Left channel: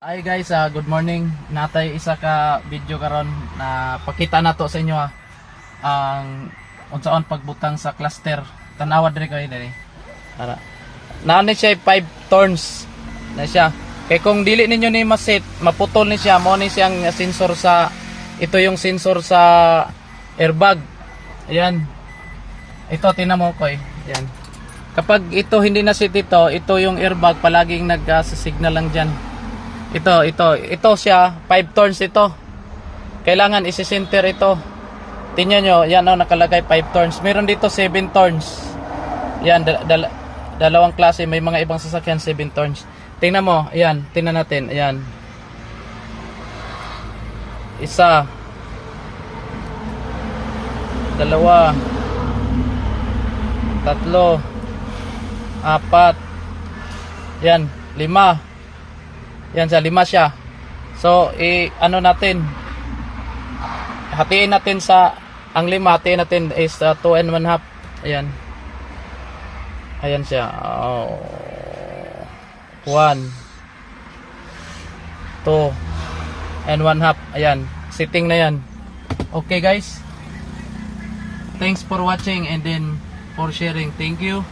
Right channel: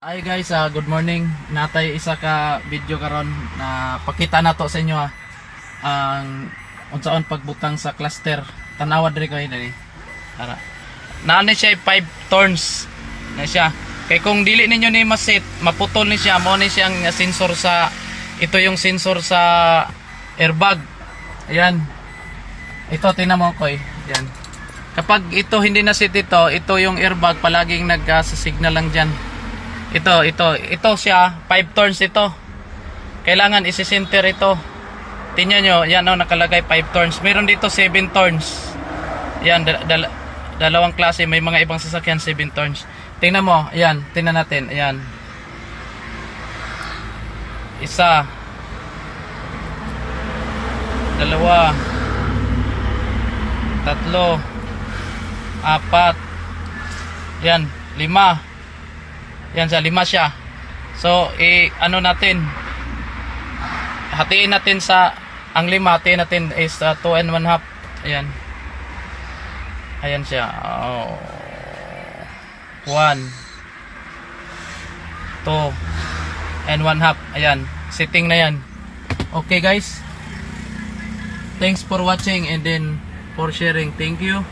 Hi guys, good morning. Natay isa ka video karon na pakita na to sa inyo ang unsaon pagbutang sa cluster. Tanawa diri ko diri. Ara. Naani siya 5 turns na siya. Kay kung dili ninyo ni maset, maputol ni siya. Mo ni siyang sensor sa yung sensor sa airbag. Ayan. Ito tinan mo ko Ayan. Kapag ito hindi na set ito yung airbag palaging nag-signal lang diyan. Ito siya, 5 turns ito. Kailangan isi-center ito. Tingnan nyo, yan nakalagay 5 turns. Meron dito 7 turns. Yan, dalawang klase. May mga ibang sasakyan 7 turns. Tingnan mo, ayan, tingnan natin, ayan. Isa. Dalawa. Tatlo. Apat. Yan, 5. Yan sa 5 siya. So, ano natin? Hatiin natin sa ang 5, hatiin natin is 2 and 1/2. Ayan. Ayan siya. 1 2 and 1/2. Ayan. Setting na yan. Okay guys. Thanks for watching and then for sharing. Thank you.